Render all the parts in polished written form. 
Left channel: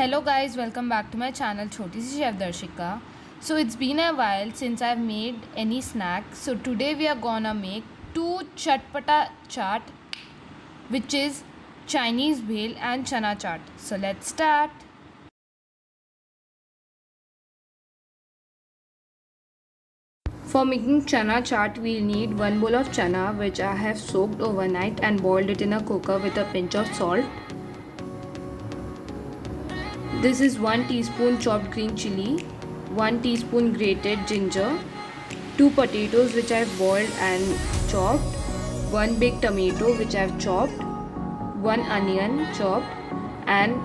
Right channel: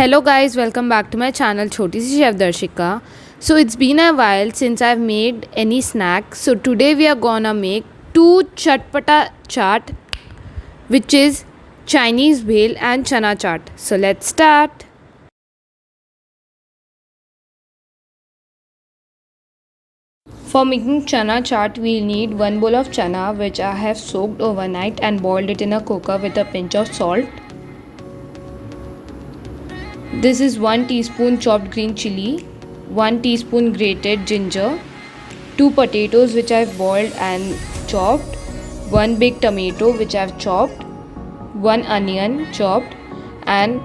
Hello guys, welcome back to my channel Choti Si Chef Darshika. So it's been a while since I've made any snack. So today we are gonna make two chatpata chaat, which is Chinese bhel and chana chaat. So let's start. For making chana chaat, we'll need 1 bowl of chana which I have soaked overnight and boiled it in a cooker with a pinch of salt. This is 1 teaspoon chopped green chili, 1 teaspoon grated ginger, 2 potatoes which I've boiled and chopped, 1 big tomato which I've chopped, 1 onion chopped and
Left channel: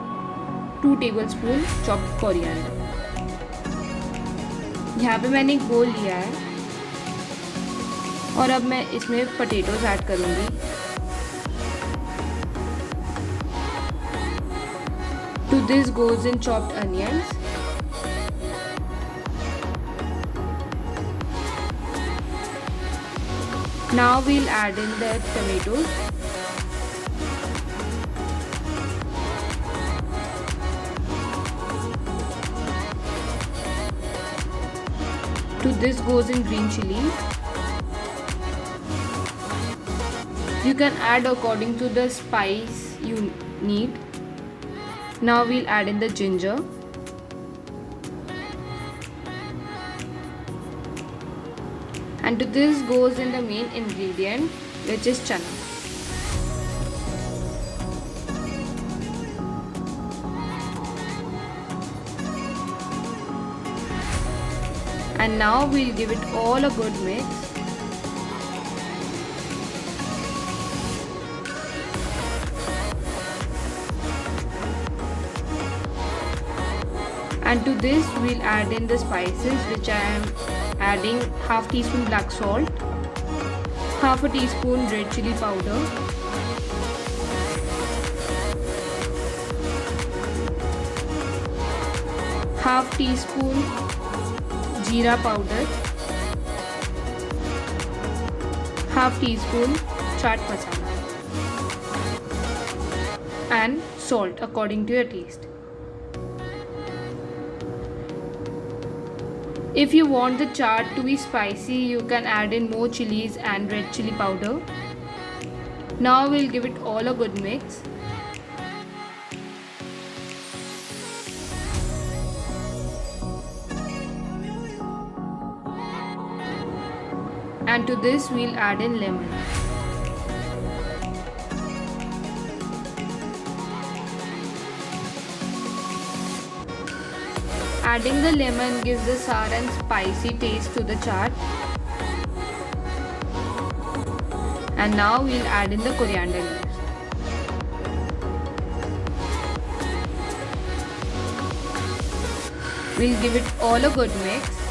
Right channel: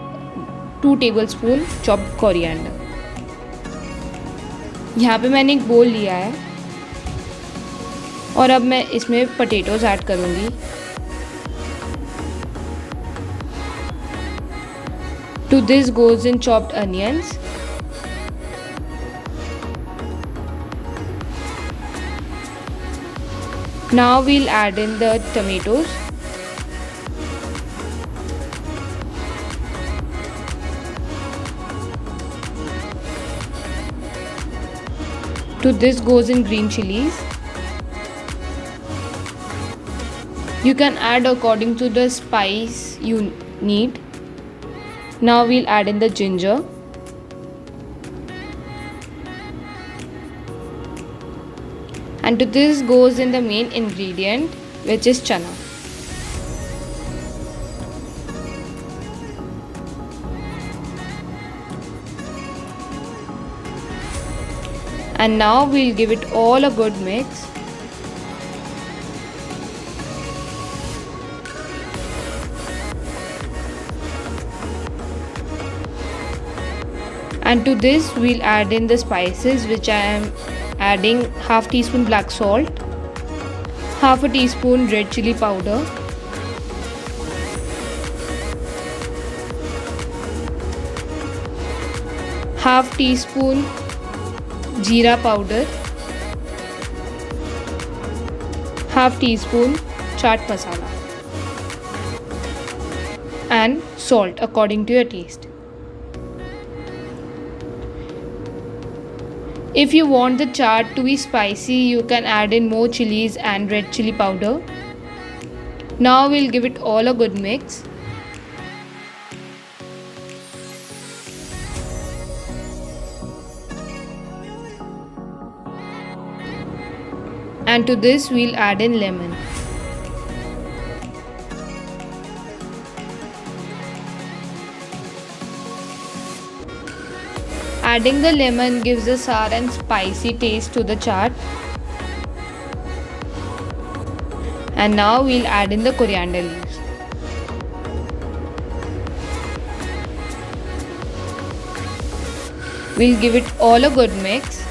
2 tablespoon chopped coriander. यहाँ पे मैंने एक बोल लिया है और अब मैं इसमें पोटैटोज ऐड करूँगी. To this goes in chopped onions. Now we'll add in the tomatoes. To this goes in green chilies. You can add according to the spice you need. Now we'll add in the ginger. And to this goes in the main ingredient, which is chana. And now we'll give it all a good mix. And to this we'll add in the spices, which I am adding half teaspoon black salt, half a teaspoon red chili powder, half teaspoon jeera powder, half teaspoon chaat masala and salt according to your taste. If you want the chaat to be spicy, you can add in more chilies and red chili powder. Now we'll give it all a good mix. And to this we'll add in lemon. Adding the lemon gives a sour and spicy taste to the chaat. And now we'll add in the coriander leaves. We'll give it all a good mix.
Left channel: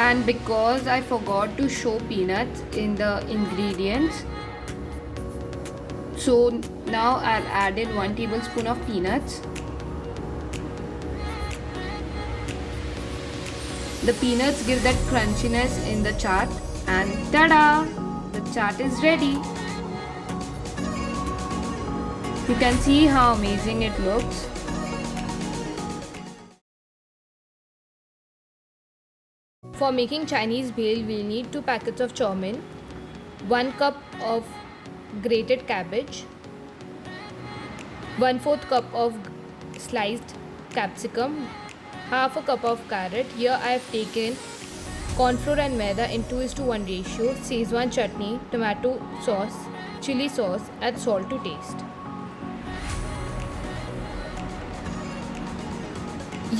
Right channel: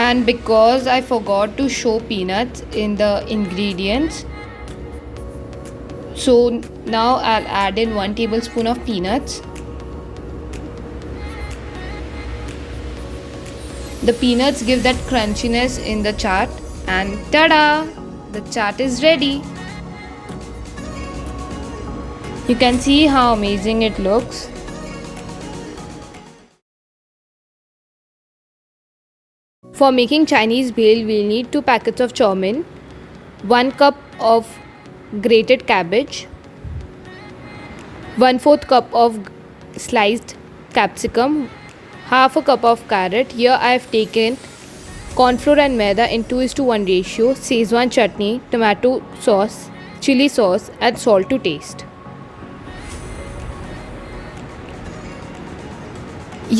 And because I forgot to show peanuts in the ingredients, so now I'll add in 1 tablespoon of peanuts. The peanuts give that crunchiness in the chaat, and tada! The chaat is ready. You can see how amazing it looks. For making Chinese bhel, we'll need 2 packets of chow mein, 1 cup of grated cabbage, 1/4 cup of sliced capsicum, half a cup of carrot. Here I have taken corn flour and maida in 2:1 ratio, Szechuan chutney, tomato sauce, chili sauce and salt to taste.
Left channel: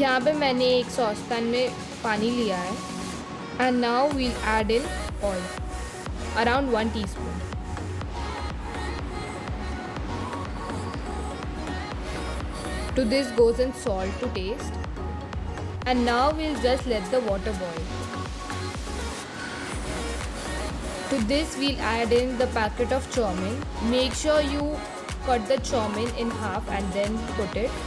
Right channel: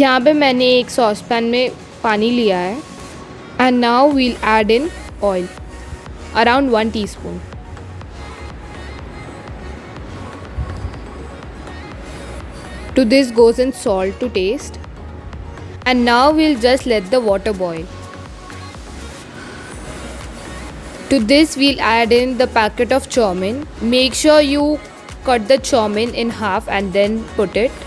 यहाँ पे मैंने एक sauce pan में पानी लिया है. And now we'll add in oil, around 1 teaspoon. To this goes in salt to taste. And now we'll just let the water boil. To this we'll add in the packet of chow mein. Make sure you cut the chow mein in half and then put it.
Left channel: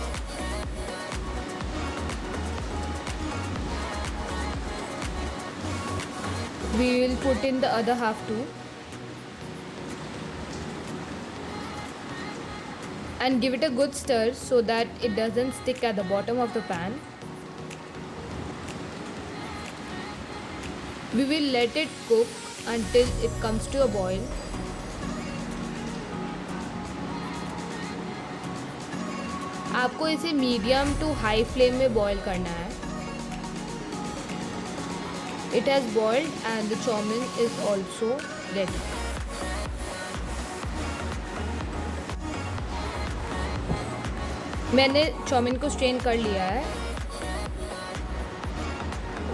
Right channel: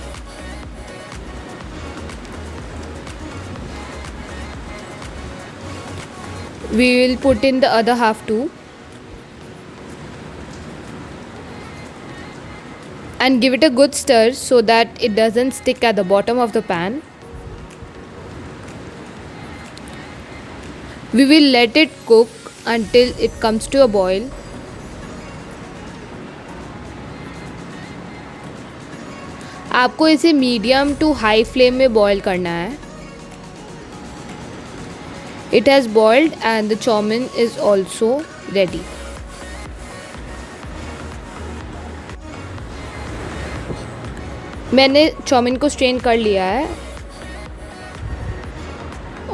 We will put in the other half too. And give it a good stir so that it doesn't stick at the bottom of the pan. We will let it cook until it comes to a boil. आपको इसे medium to high flame में boil करना है. It has boiled and the chow-mein is also ready. मैंने chowmein को strain कर लिया है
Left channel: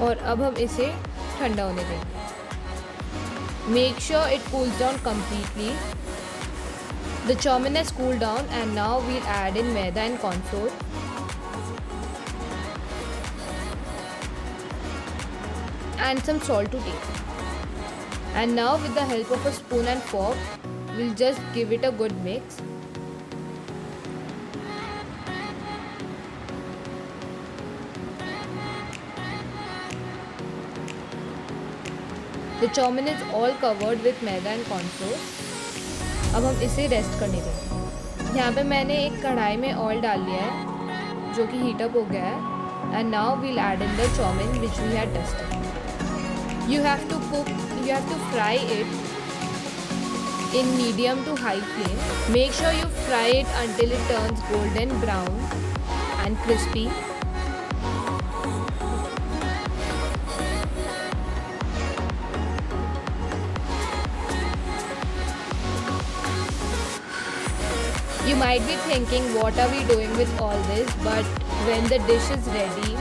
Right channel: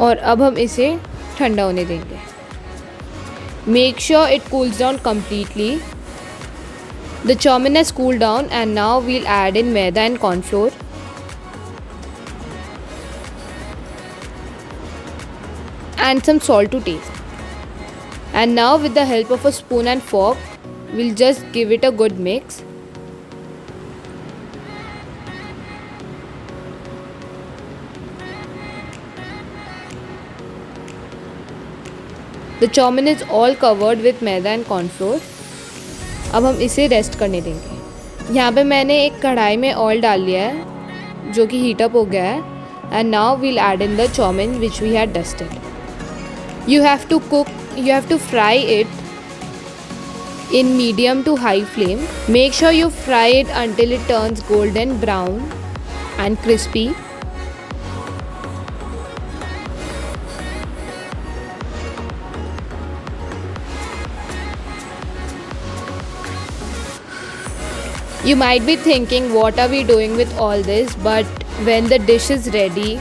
और अब हम इसे ठंडा होने देंगे. Make sure it cools down completely. The chow-mein has cooled down and now we'll add in maida and corn flour. And some salt to taste. And now with the help of a spoon and fork, we'll just give it a good mix. The chow-mein is all covered with maida and corn flour. अब हम इसे rest करने देंगे. यहाँ पे मैंने एक कढ़ाई में ऑयल डाल लिया है जो कि हीट अप हो गया है. And now we'll add in the chow-mein which we had dusted. You have to fry it in medium to high flame. Make sure you fry it until it turns golden brown and crispy. You might be thinking, what are we doing with all this? But when the dish is ready,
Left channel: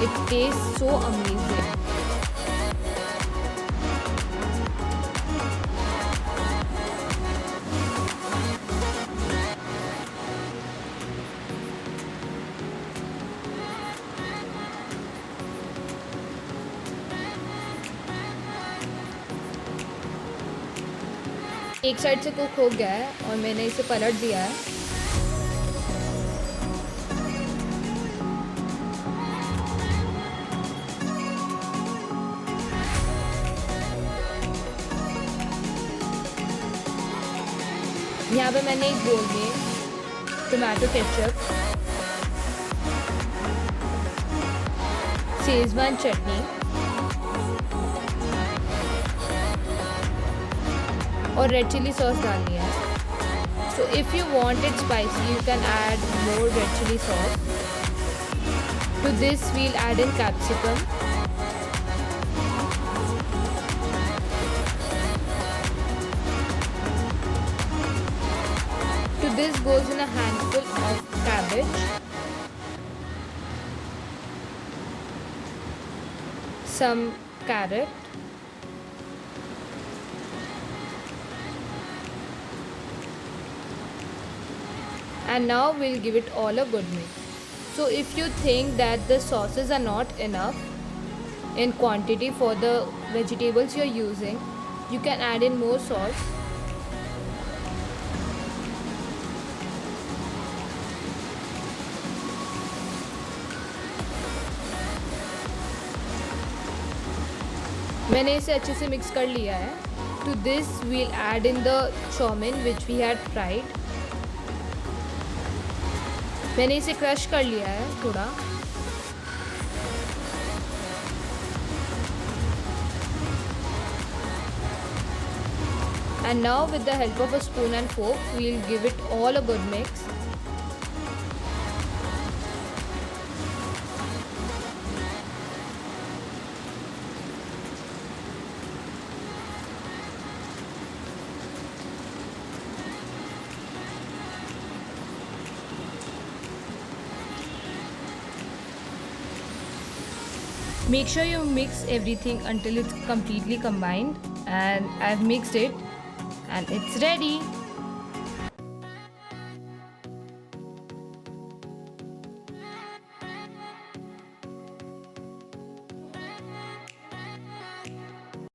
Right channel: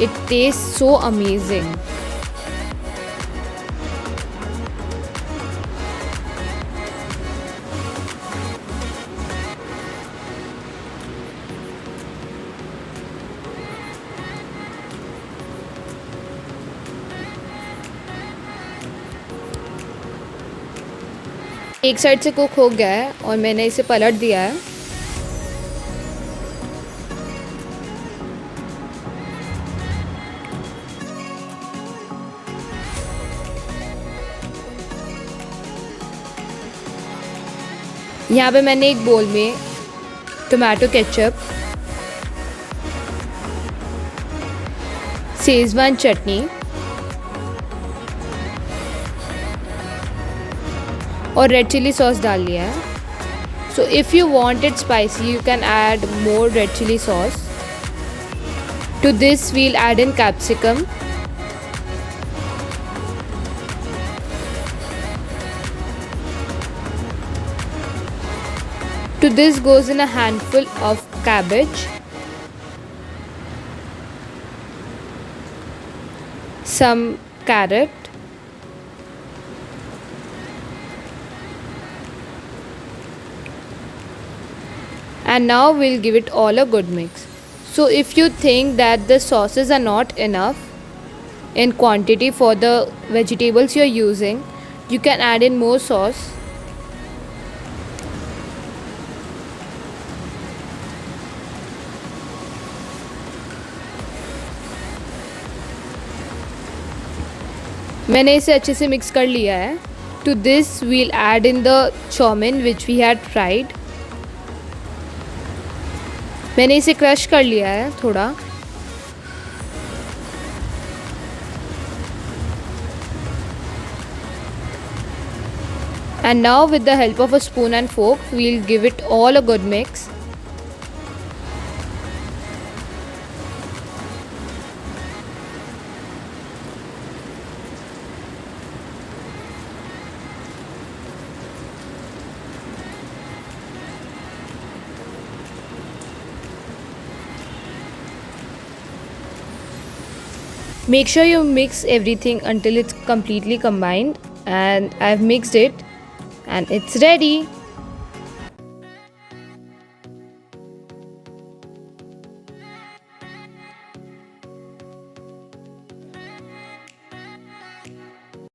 it tastes so amazing. एक side से cook हो गया है और मैंने इसे पलट दिया है. यहाँ पे मैंने एक बोल में टोमेटो केचप, शेजवान चटनी और रेड चिली सॉस डाल लिया है. So if you want it spicy you can add more red chilli sauce. To this we'll add in capsicum, to this goes in a handful of cabbage, some carrot, and now we'll give it all a good mix. So if you think that the sauces are not enough in quantity for the vegetables you're using, you can add in more sauce. मैंने इसे अच्छे से mix कर लिया है. To this we'll add in the chowmein which we had fried. मैंने इसे crush कर लिया है थोड़ा. And now with the help of a spoon and fork, we'll give it all a good mix. Make sure you mix everything until it's completely combined, and I've mixed it and it's ready.